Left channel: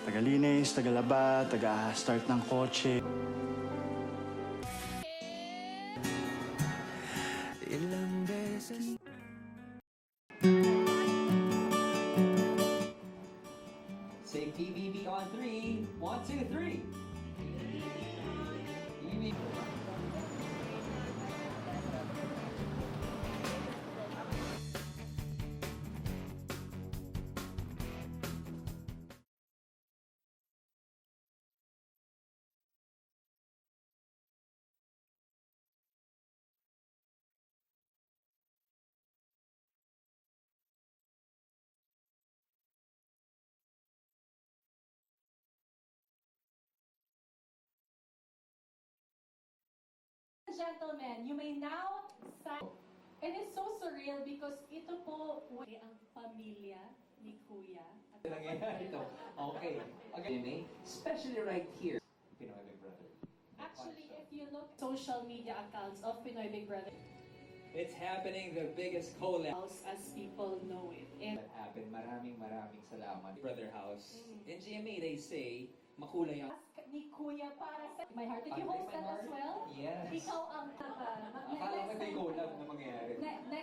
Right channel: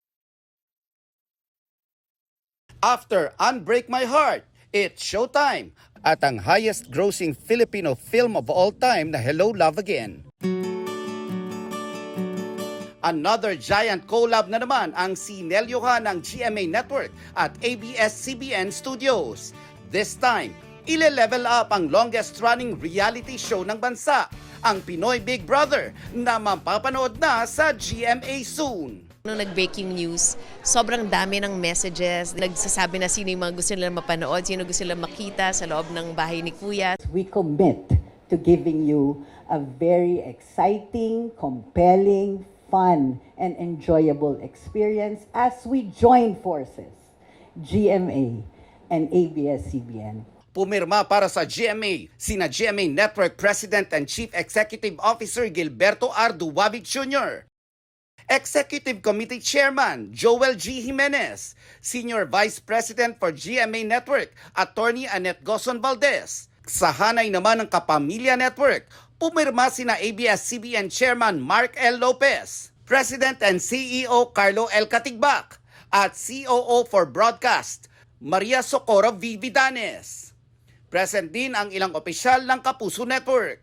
Tagalinis, tagalaba, taga-start ng kotse. After Unbreak My Heart, it's showtime! At ang highest grossing Filipino film of all time na Hello Love Again. Another giant collab na naman ang sinelyohan ng GMA Network at ABS-CBN Studios. This time, ile-level up ang longest-running reality show ng bansa, ang Pinoy Big Brother, na mapapanood na sa GMA soon. Nung nag-breaking news, sobrang dami ng messages. Nagsasabi na sino yung mga gusto nila mapanood, sino gusto nila makita sa loob ng bahay ni Kuya. We commit to giving you a very exciting, compelling, fun, and enjoyable experience as we join forces, GMA and ABS-CBN. Pumirma para sa GMA, sina GMA Network President and Chief Executive Officer Gilberto R. Duwavig Jr., Executive Committee Chairman Joel G. Jimenez, Senior Vice President for GMA Network, Attorney Annette Gozon Valdez. Sa hanay naman ng Kapamilya Network, pumirma sina ABS-CBN Chairman Mark L. Lopez, President and CEO Carlo L. Katigbak, at COO for Broadcast, Maria Socorro V. Vidanes. Present din ang ilang opisyal ng Kapuso Network.